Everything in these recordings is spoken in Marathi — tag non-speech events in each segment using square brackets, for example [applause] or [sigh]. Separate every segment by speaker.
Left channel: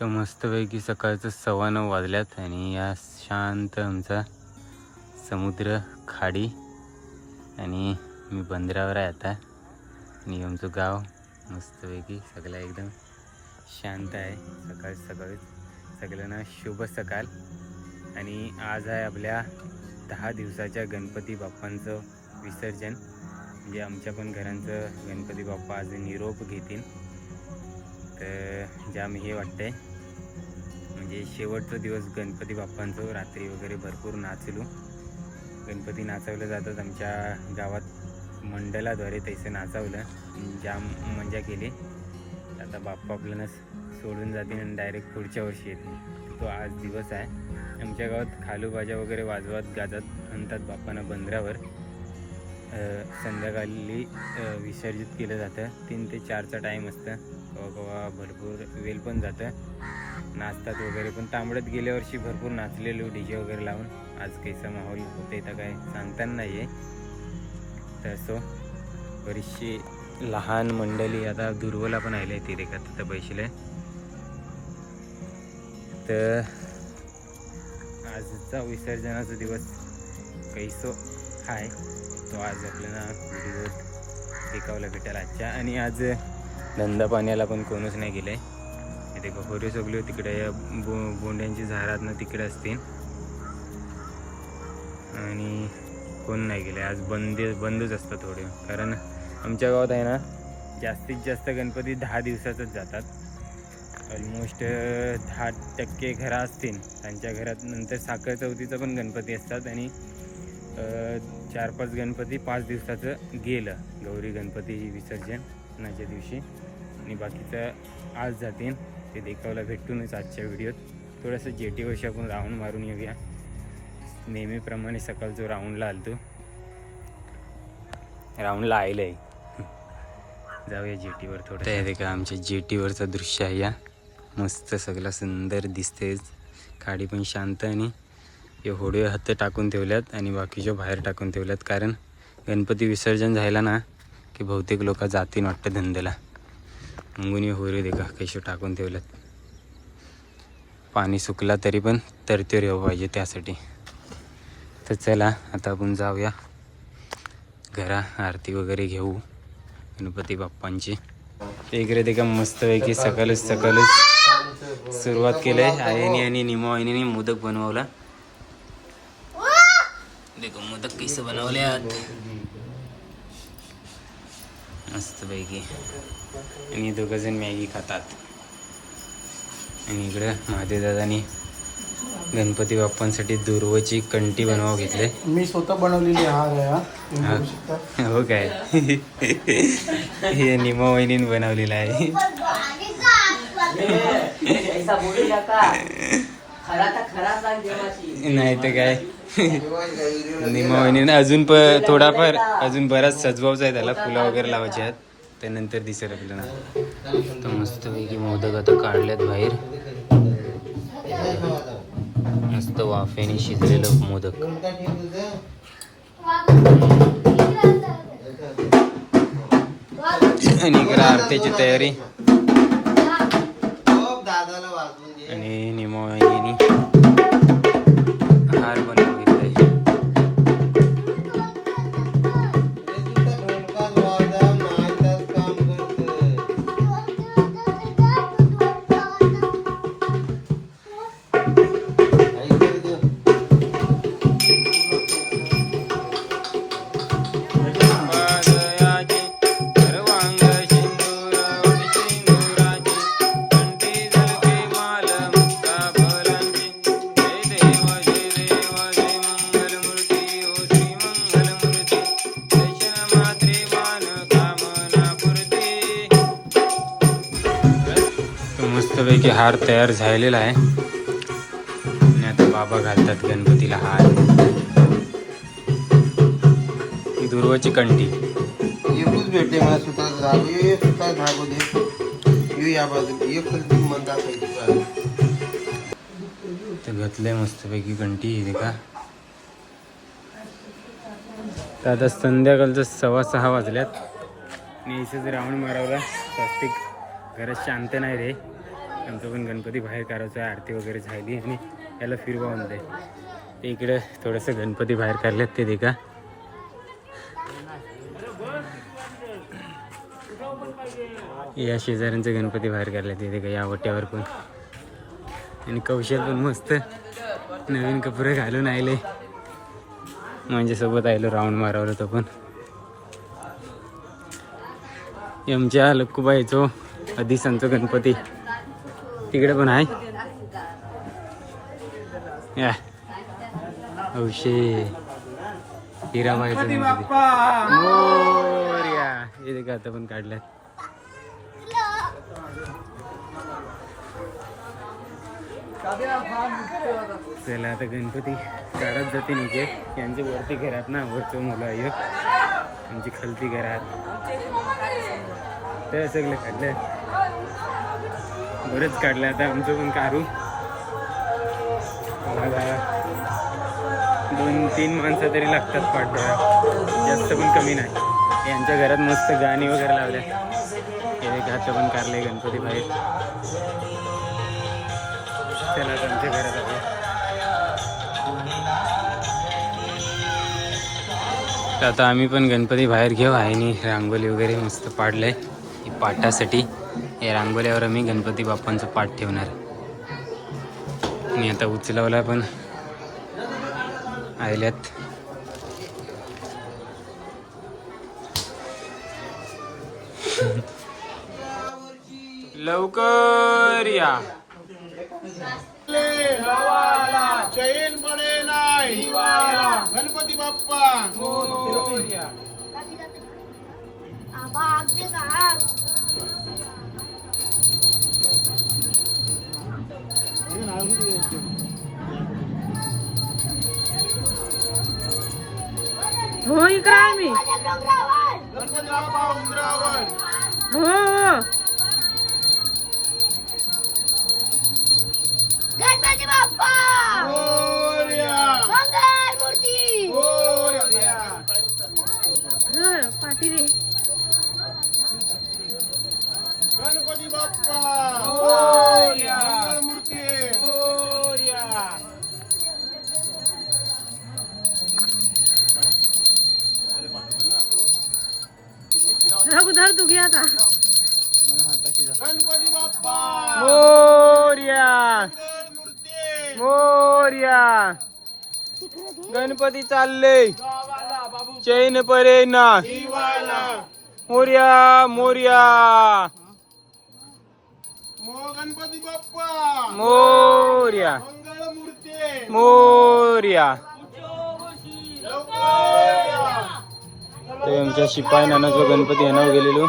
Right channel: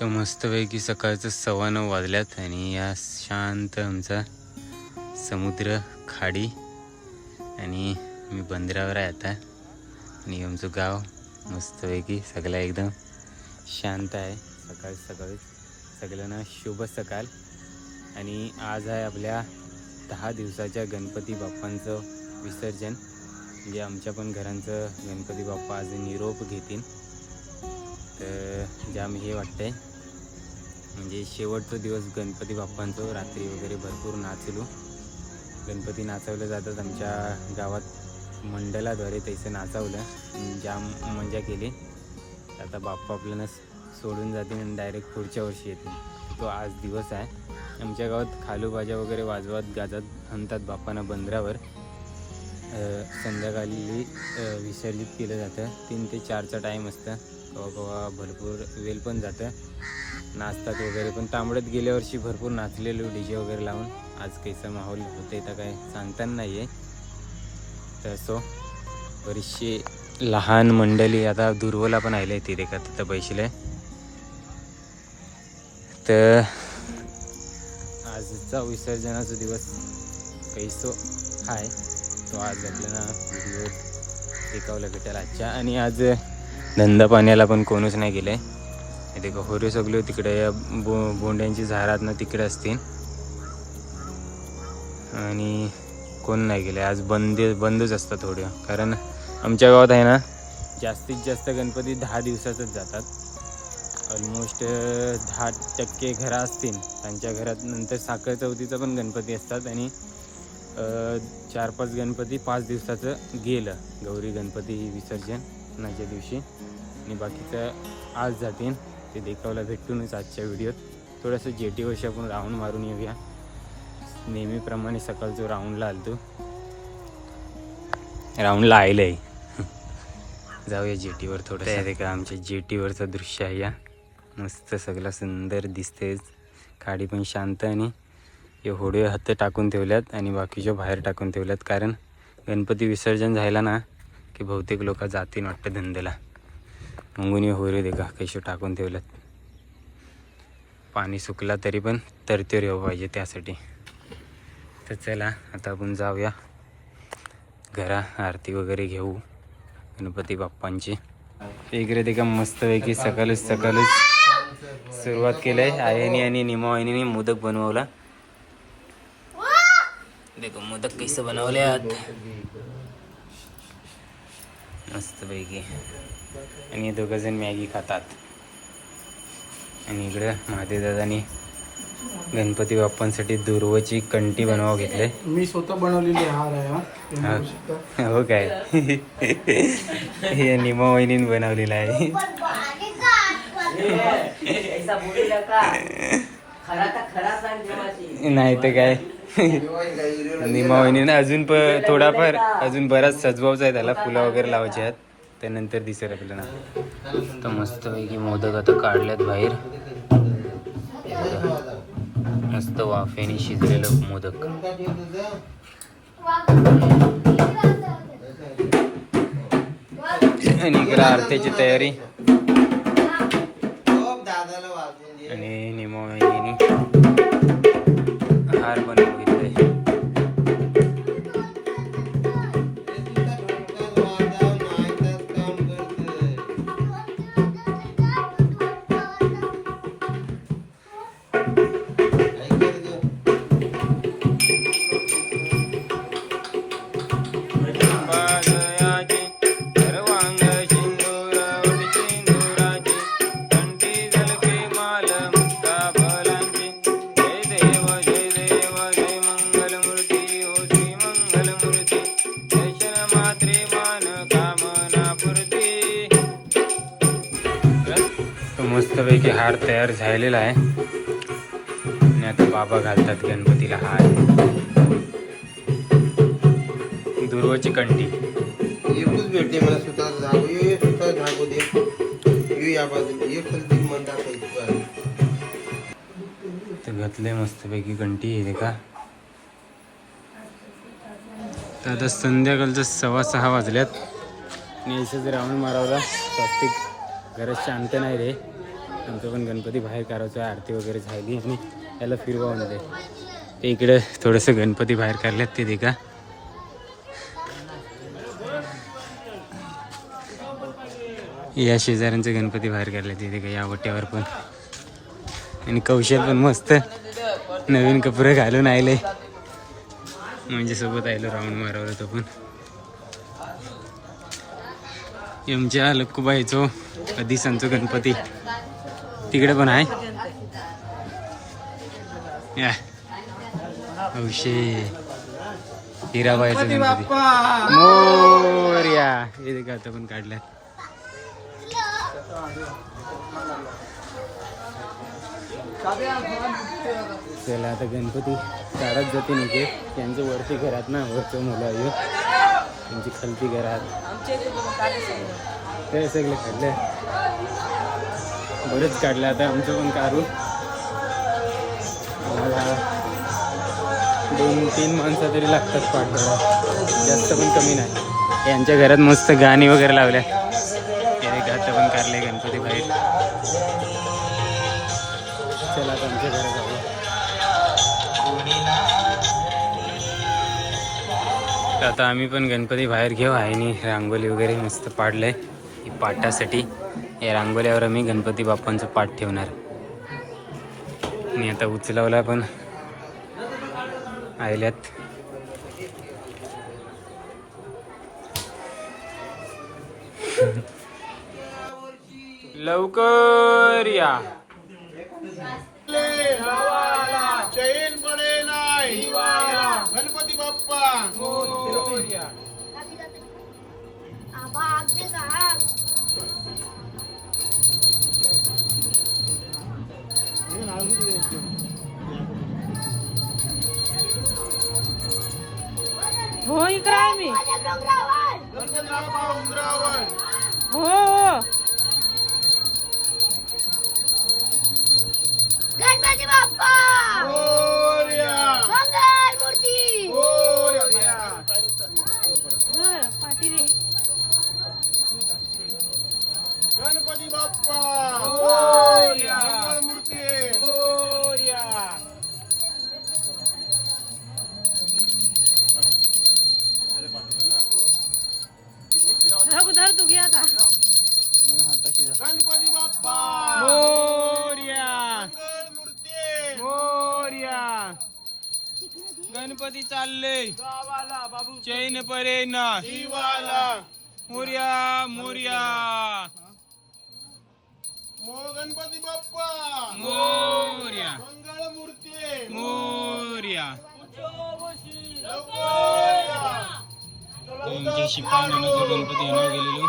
Speaker 1: तर मस्तपैकी सकाळचं सव्वा नऊ वाजल्यात आणि या शांत आमचा समुद्र खाडी आणि मी बंदरावर आहे आता. आणि आमचं गाव मस्तपैकी सगळं एकदम शांत आहे. सकाळ सकाळी सगळ्यांना शुभ सकाळ. आणि आज आहे आपल्या दहा दिवसाच्या गणपती बाप्पांचं विसर्जन. म्हणजे आमच्या पण घरांचं गणपती बाप्पा आज निरोप घेतील. तर जाम हे वाटतंय म्हणजे शेवटचा दिवस गणपती बाप्पांचं रात्री वगैरे भरपूर नाचलो. गणपती नाचवलं जातात आमच्या गावात. मंडळाद्वारे तैसे नाचवलं. जाम मजा केली. आता बाप्पा आपल्याला सोडून जातील आणि डायरेक्ट पुढच्या वर्षी येतील. तो आज दिवस आहे. आमच्या गावात खालूबाजा वगैरे वाजवत गाजत आणतात बाप्पांना बंदरावर. संध्याकाळी विसर्जित केलं जातं. तीन ते चारचा टाईम असतं. कवा कवा भरपूर वेल पण जातं. नाचतात वगैरे. पण तांबडत गेल्या वर्षी भरपूर नाचलेलो डी जे वगैरे लावून. आज कैसा माहोल होते तर काय सांगताना नाही आहे तर बरीचशी लहान मंडळी आता दुर्वला पण आले तिथे का तिथं पैसे तर आजचा विसर्जनाचा दिवस कैसो आहे तो आज आपल्याला व्हिडिओ टिकावला भेटेल आजच्या. आणि आज धंदा पाण्याला पण कोणच नाही गेलं आहे ते होरे सगळे तिकडे या बो बोंड्यांची झाडात ना तिकडे असतील. आणि कोण नाही गेले आज बंद बंदच असतात थोडे. कारण आमच्या गावात आहे ना जास्तीत जास्त गणपती दहा दिवसातच जातात. ऑलमोस्ट दहा टक्के घरं असतील. त्यांच्या घरात नंतर साखर चौथीचा पण गणपती असतात आणि चार पाच गणपती पाच दिवसाचं गेलं. गौरी गणपती विसर्जनाच्या दिवशी. आणि बाकीचं आज जातील. ते देखावला भेटूनच आजच्या व्हिडिओत. थोडंसं जेटीवरशी आपण राऊंड मारून येऊया. नेहमीप्रमाणे सकाळ जो राऊंडला आलतो. राऊंडला आयलं आहे जाऊया जेटीवर थोडं ते का आमच्या जेटीवरचं दृश्य आहे या. मस्त सगळं सुंदर दिसतेच खाडी पण शांत आणि हे होडे हात टाकून ठेवल्यात आणि बाकीच्या बाहेर टाकून ठेवल्यात. कारण गणपती विसर्जन झाला ना की बहुतेक लोक जातील वाटतं धंद्याला. मुंगुनी हे होरे देखा कसे टाकून ठेवल्यात. पाणी सुकला तरी पण तरतेर येऊ पाहिजे त्यासाठी. तर चला आता आपण जाऊया. घरा आरती वगैरे घेऊ गणपती बाप्पांची. इकडे ते का मस्तपैकी सकाळच सकाळच सुरुवात केली. आहे आईने आणि निमा मोदक बनवला. देखो मोदक कैसे बनवले आहात. मस्तपैकी. आणि दोघं जण मॅगी खातात. आणि इकडं महादेव दादानी गणपती बाप्पांसाठी दुर्वची कंटी बनवावं घेतले
Speaker 2: मी स्वतः बनवलेली हार आहे हा.
Speaker 1: हा. हो काय? हे निमा वहिनीने बनवलेलं आहे. नाही तर काय? निमा वहिनीने अजून प थोडाफार अजून बराच सजवायचा आहे त्याला फुलं वगैरे लावायची आहेत. त्यानंतर दिसेल आपल्याला. तर मस्तपैकी मोदक आता काढल्यात बाहेर. मस्त वाफेने शिजलेलं मोदक. आणि इकडे आरत्याची तयारी. हार तयार झालेला आहे. आणि आता बाबा घालतात गणपतीला हार. दुर्वाची कंठी
Speaker 3: एकूच भेटते मला सुतार जाऊ ये सुतार भागो दे. ये या बाजू ये फुल मन दाखवायची
Speaker 1: तर घातले मस्तपैकी कंठी हे का तर आता संध्याकाळचं सव्वा सहा वाजल्यात. जर राऊंड मारवला स्वस्तिक घरात शांत नाही रे. आमचं पण गणपती बाहेर काढायचं आरती वगैरे झाली आणि याला फिरवा म्हणते ते इकडे थोडंसं गणपती बाहेर काढल्यात ते देखा. या शेजाऱ्यांचे गणपती बाहेर काढले तिथे का या वट्यावर पण. आणि कौशल पण मस्त. नवीन कपडे घालून आले म्हणजे सोबत आलो राऊंड मारावर तो पण. आमच्या लक्कूबाईचो अदिसांचो गणपती. तिकडे पण आहे. या. औशे हिराबाईचा गणपती मोर्या हे देखा आता पण काढल्यात. चला आता गणपती काढत जाते निघे त्यांचे वरती घरात ना वरचं मुलं आहे. त्यांची खालती घरात. ते सगळे काढले. बरंच काढलं आता आमचं पण काढू. मला दोन तीन माणसं तरी लागतात पाठबळा जास्त पण कमी नाही. यांच्या घरात मस्त गाणी वगैरे लावल्या हे घात पण काढले गणपती बाहेर. चला आता आमच्या घरात जाऊया. तर आता आम्ही पण गणपती बाहेर घेऊ. आहे रांगोली वगैरे मस्त पाडलंय. ही पाटासाठी या रांगोलीवर आम्ही गणपती बाप्पांचं पाठ ठेवणार. आणि आता उचलावला पण आयल्यात. लवकर या.
Speaker 2: गणपती बाप्पा.
Speaker 4: मी
Speaker 2: गणपती
Speaker 4: हो हो
Speaker 5: गणपती बाप्पा
Speaker 2: मोरया.
Speaker 5: मंगल मूर्ती
Speaker 2: मोरया.
Speaker 4: धर, पाठी रे
Speaker 2: गणपती बाप्पा
Speaker 4: आता.
Speaker 2: गणपती बाप्पा
Speaker 1: मोर्या. मोर्या. गणपती चालले. चैन परे ना.
Speaker 2: शिवाला
Speaker 1: मोर्या. मोर्या.
Speaker 2: मो गणपती बाप्पा
Speaker 1: मोर्या.
Speaker 2: मंगलमूर्ती
Speaker 1: मोर्या आमच्या शिपाई नानाचा गणपती आणायला गेलेलो.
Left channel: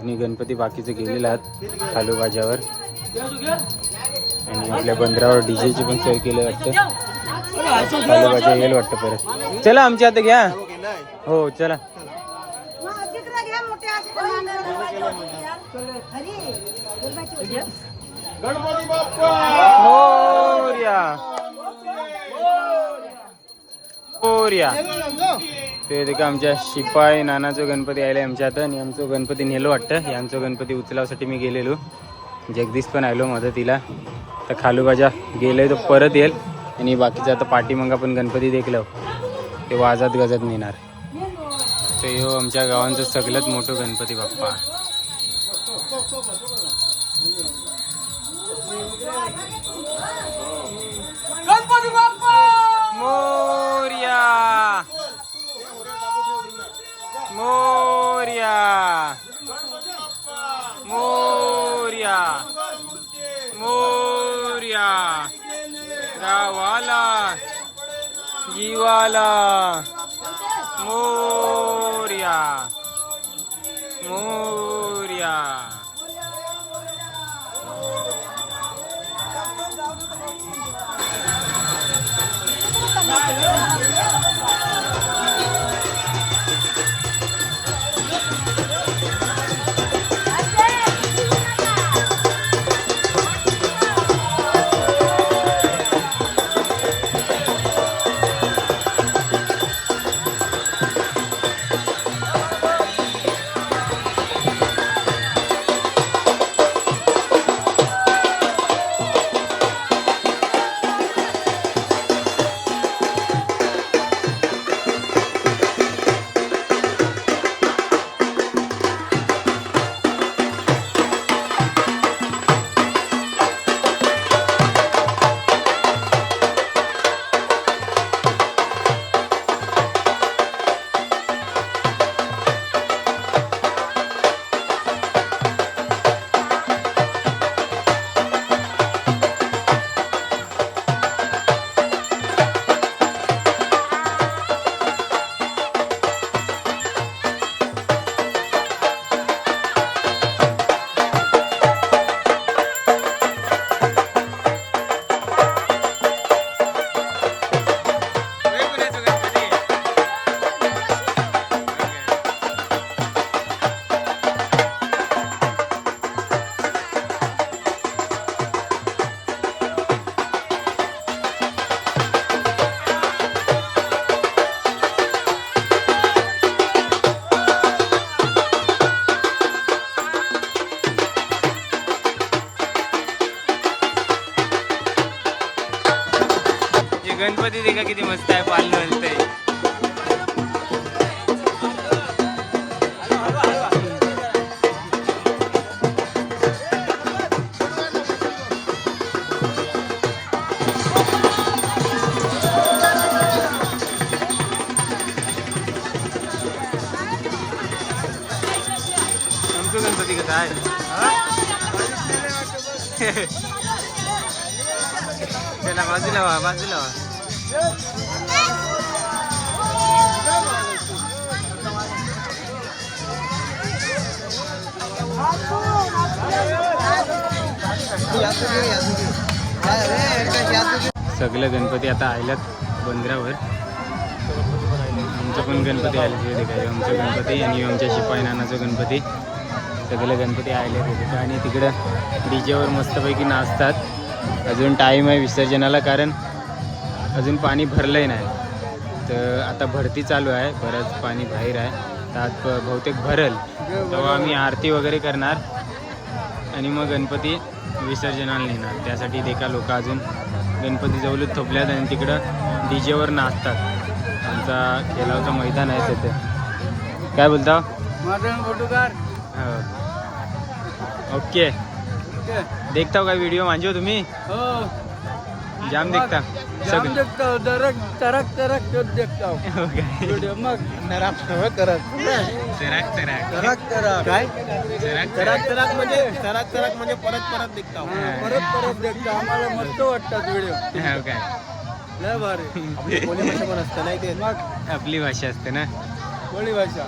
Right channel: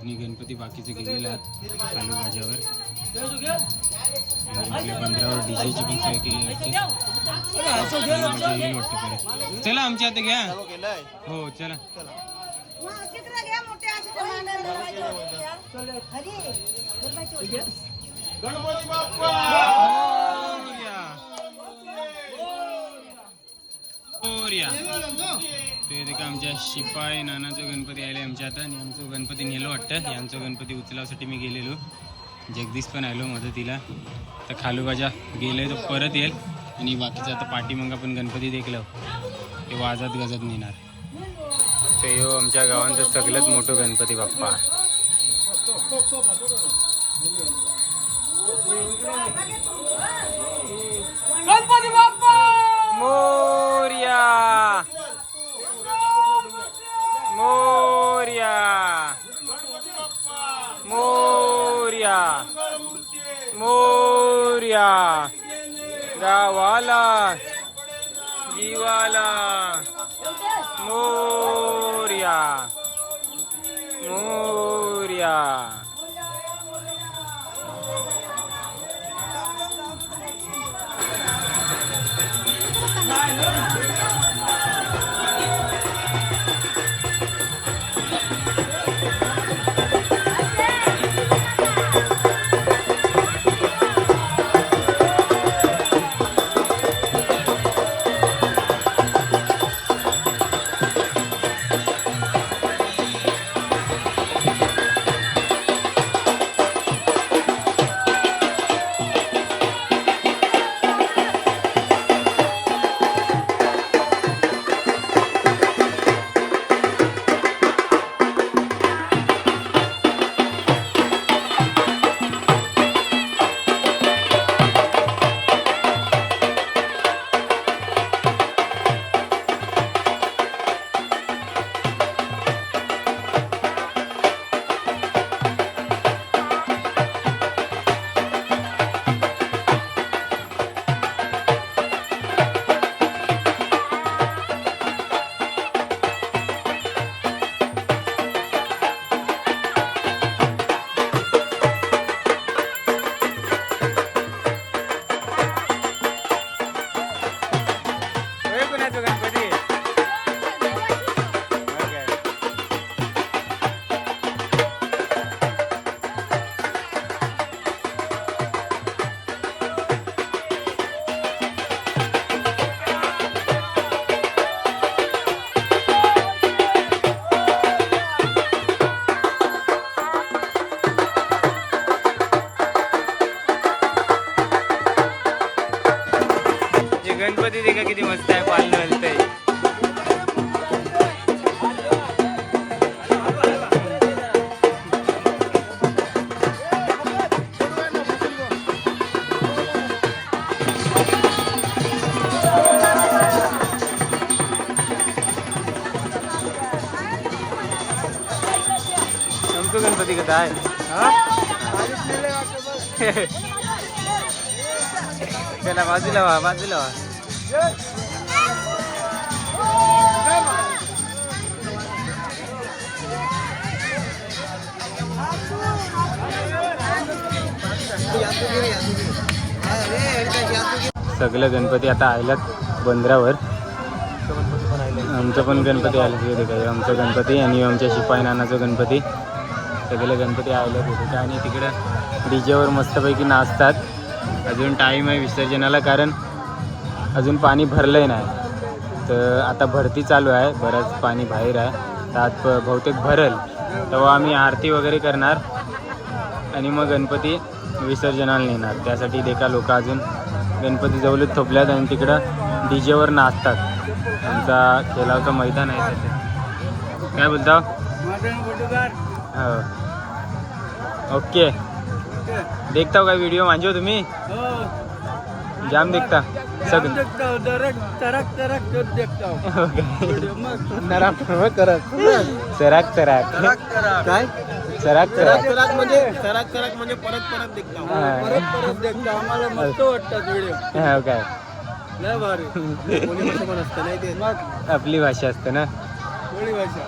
Speaker 1: आणि गणपती बाकीचे गेलेले आहेत खालू बाजावर. आणि आपल्या बंदरावर डीजेची पण सोय केली वाटते. खालू बाजा येईल वाटतं परत. चला आमच्या आता घ्या. हो चला.
Speaker 2: हो, गणपती बाप्पा
Speaker 1: मोर्या ते देखा आमच्या शिपाई नानाचं गणपती आले आमच्या आता आणि आमचं गणपती नेलो वाटतं. यांचं गणपती उचलावसाठी मी गेलेलो. जगदीश पण आलो मदतीला. तर खालूबाजा गेलोय तर परत येईल. आणि बाकीचं आता पाठीमागा आपण गणपती देखलं ते वाजत गजत नेणार. ते हो आमच्या गावांचं सगळ्यात मोठं गणपती बाप्पा! मोर्या मोर्या मोर्या मोर्या गावाला जीवाला मोर्या मोर्या काय? त्याला बाजूला व्हा बाजूला व्हा. सगळं गणपती आता आयलात बंदरावर. आमचं पण गणपती आले तिथे काय आमचं गणपती आणि आमच्या शिपाई नानाचं गणपती. सगळे गणपती आले तिथे आणि तिकडं डीजेवर मस्तपैकी नाचतात. अजून टाईम आहे विसर्जनाला कारण अजून पाणी भरलंय नाही. तर आता भरती चालू आहे. बरंच पाणी बाहेर आहे. तर आज प- बहुतेक भरल. तेव्हा आम्ही आरती वगैरे करणार. आणि मग गणपती विसर्जनाला नेणार. त्यासाठी देखा लोक अजून गणपती जवळच थोपल्यात आणि तिकडं डीजेवर नाचतात. आमचा खेळावचं मैदान आहे तिथे. काय बोलता? ओके. देखता हो का व्हिडिओ मांजो तुम्ही?
Speaker 2: हो.
Speaker 1: जाम देखता.
Speaker 2: जाम देखता हूँ तरक तरक तरक तो देखता हूँ. [laughs]
Speaker 1: हो काय
Speaker 2: वीडियो मग करत
Speaker 1: सराक सराक
Speaker 2: काय?
Speaker 1: सराक सराक
Speaker 2: तरक म्हणजे तरक तरक म्हणजे परत परत देखता परत परत देखता. आम्हाला मस्त वाटतात व्हिडिओ
Speaker 1: हो काय
Speaker 2: लय भारी. [laughs] कोणी भाषा पण असतं नाही ते. मग.
Speaker 1: आपली भाषा असते ना?
Speaker 2: कोणी भाषा.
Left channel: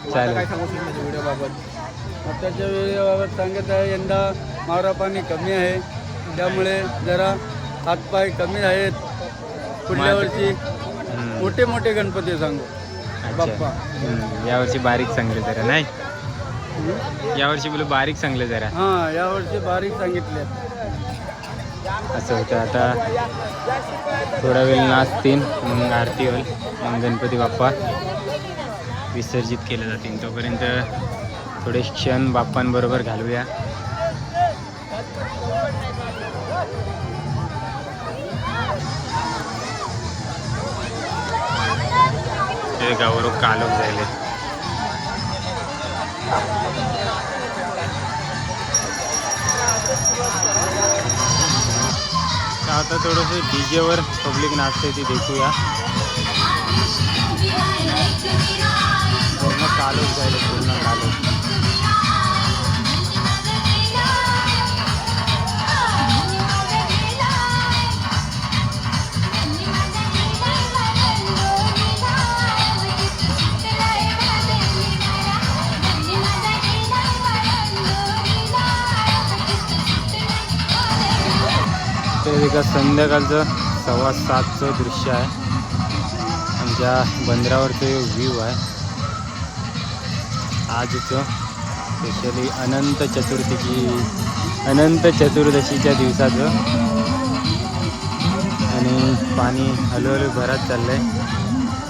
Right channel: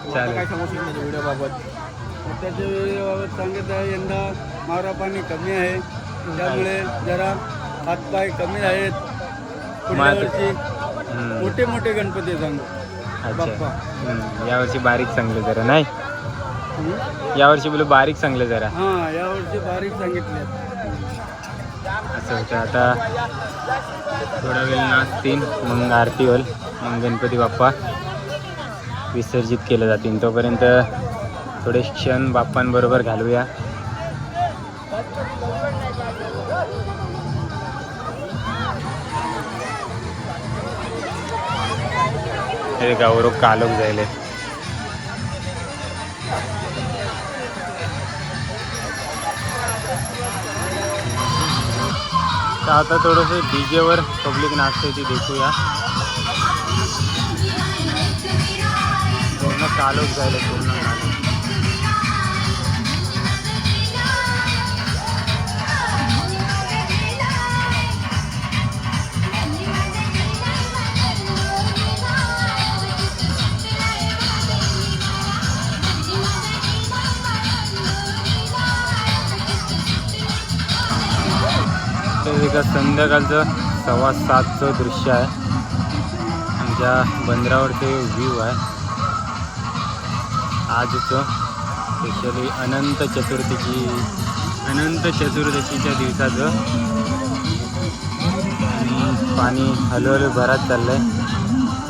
Speaker 2: आता काय
Speaker 1: चालेल
Speaker 2: सांगू शकतो माझ्या व्हिडिओ बाबत आताच्या व्हिडिओ बाबत सांगत आहे यंदा मारा पाणी कमी आहे. त्यामुळे जरा हातपाय कमी आहेत. पुढल्या
Speaker 1: मात-
Speaker 2: वर्षी मोठे मोठे गणपती सांगू.
Speaker 1: अच्छा.
Speaker 2: बाप्पा.
Speaker 1: यावर्षी बारीक चांगले जरा नाही? यावर्षी बोलू बारीक चांगले जरा.
Speaker 2: हा यावर्षी बारीक सांगितले
Speaker 1: असं होतं. आता थोडा वेळ नाचतील. मग आरती होईल. मग गणपती बाप्पा. विसर्जित केले जातील. तोपर्यंत थोडे क्षण बाप्पांबरोबर घालूया. हे गावरो कालोख जायले आता थोडंसं डीजेवर पब्लिक नाचते ती देखूया. पूर्ण कालच जायला पूर्ण कालोख तर एका संध्याकाळचं सव्वा सातचं दृश्य आहे. आमच्या बंदरावरचं व्ह्यू आहे. आजचं स्पेशली अनंत चतुर्थीची अनंत चतुर्दशीच्या दिवसाचं आणि पाणी हळूहळू भरात चाललं आहे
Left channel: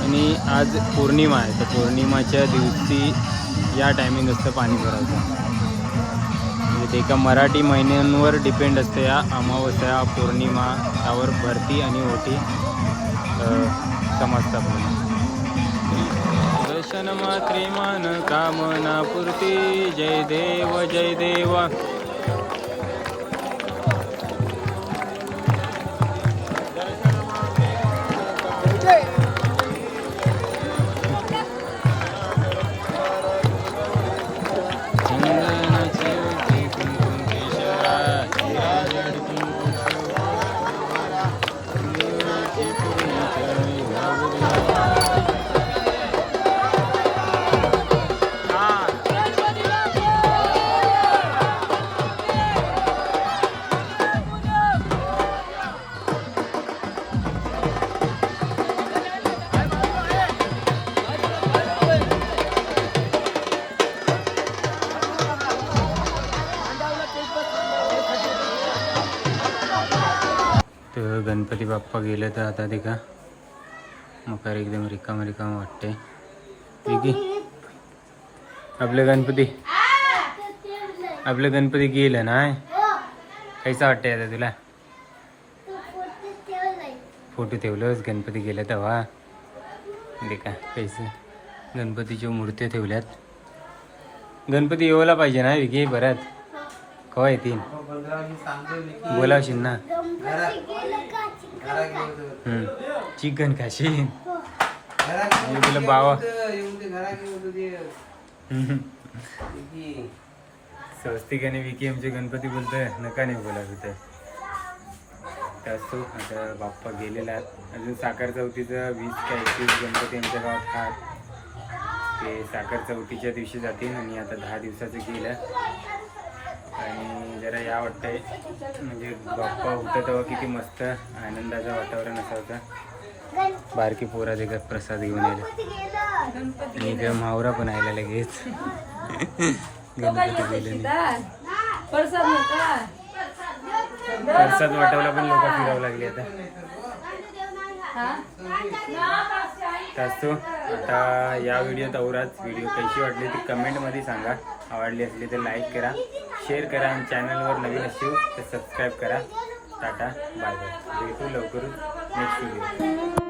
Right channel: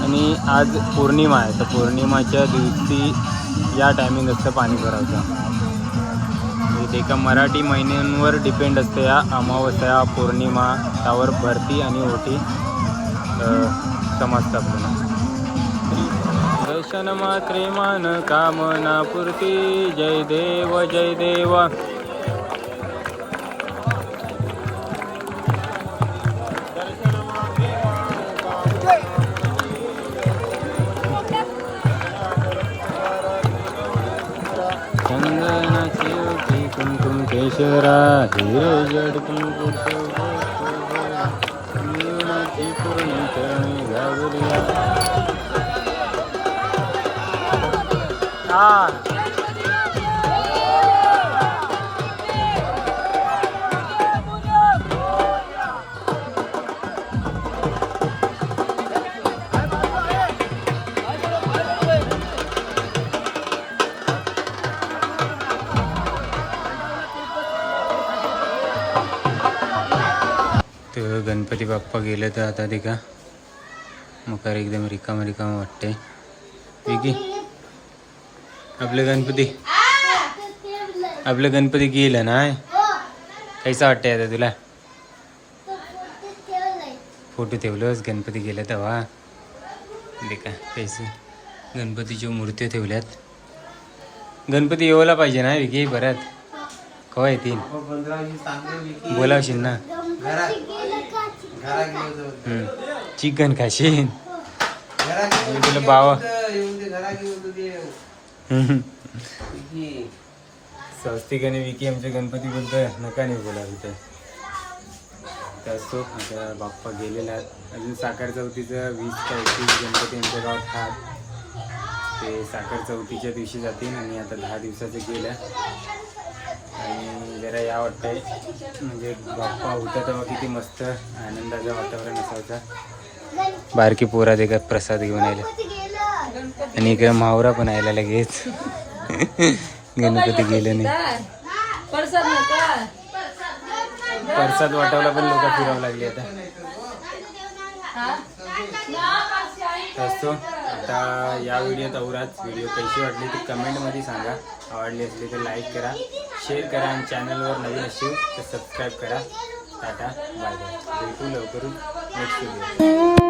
Speaker 1: आणि आज पौर्णिमा आहे तर पौर्णिमाच्या दिवशी या टायमिंग असतं पाणी भरावचं म्हणजे ते एका मराठी महिन्यांवर डिपेंड असते या अमावस्या पौर्णिमा त्यावर भरती आणि ओटी समजतं आपल्याला दर्शन मात्रे मान कामना पूर्ती जय देव जय देव। चंदनाची ओटी कुंकुम केशरा हे जडती पूर्णी गणपती बाप्पा गेले तर आता ते का? मकार एकदम रिकाम रिकाम वाटते विकी आपले गणपती आपले गणपती गेलं ना? कैसा वाटतंय आता तुला? फोटो ठेवलंच गणपती गेले तेव्हा? देखा कैसे? गणपतीच्या मूर्त्या ठेवल्यात. गणपती येवला पाहिजे ना विकी परत? कवा येतील? बोलावशील ना? चिकन खाशील? आणि तुला बावा. स्वस्तिक आणि विकी. आमचे गणपती बोलतोय. नका नाही बोला तिथं. असतो. आता बाप्पा गेलेला आहे अजून साखर चौथीचं वीस का एकवीस गणपती आमच्या गावात हात ते साखर चौथीच्या दिवशी जातील आणि आता दहा दिवसाचं गेलं आणि जरा या वाटतंय. म्हणजे बाप्पा होता तेव्हा किती मस्त आनंदाचं वातावरण असायचं. बारकी पोरा देखत प्रसाद घेऊन आले आणि इकडे मावरा पण आयला लगेच. गणपती गेले नाही.
Speaker 4: प्रसाद
Speaker 1: वाटवला पण लोक फिरावं लागले आता. असतो आता या व्हिडिओत औराच व्हिडिओ कशी वाटली ती कमेंटमध्ये सांगा. आवडली असली तर लाईक करा. शेअर करा आणि चॅनलवर नवीन असू तर सबस्क्राईब करा. Tata bye bye. भेटू लवकरच नेक्स्ट व्हिडिओ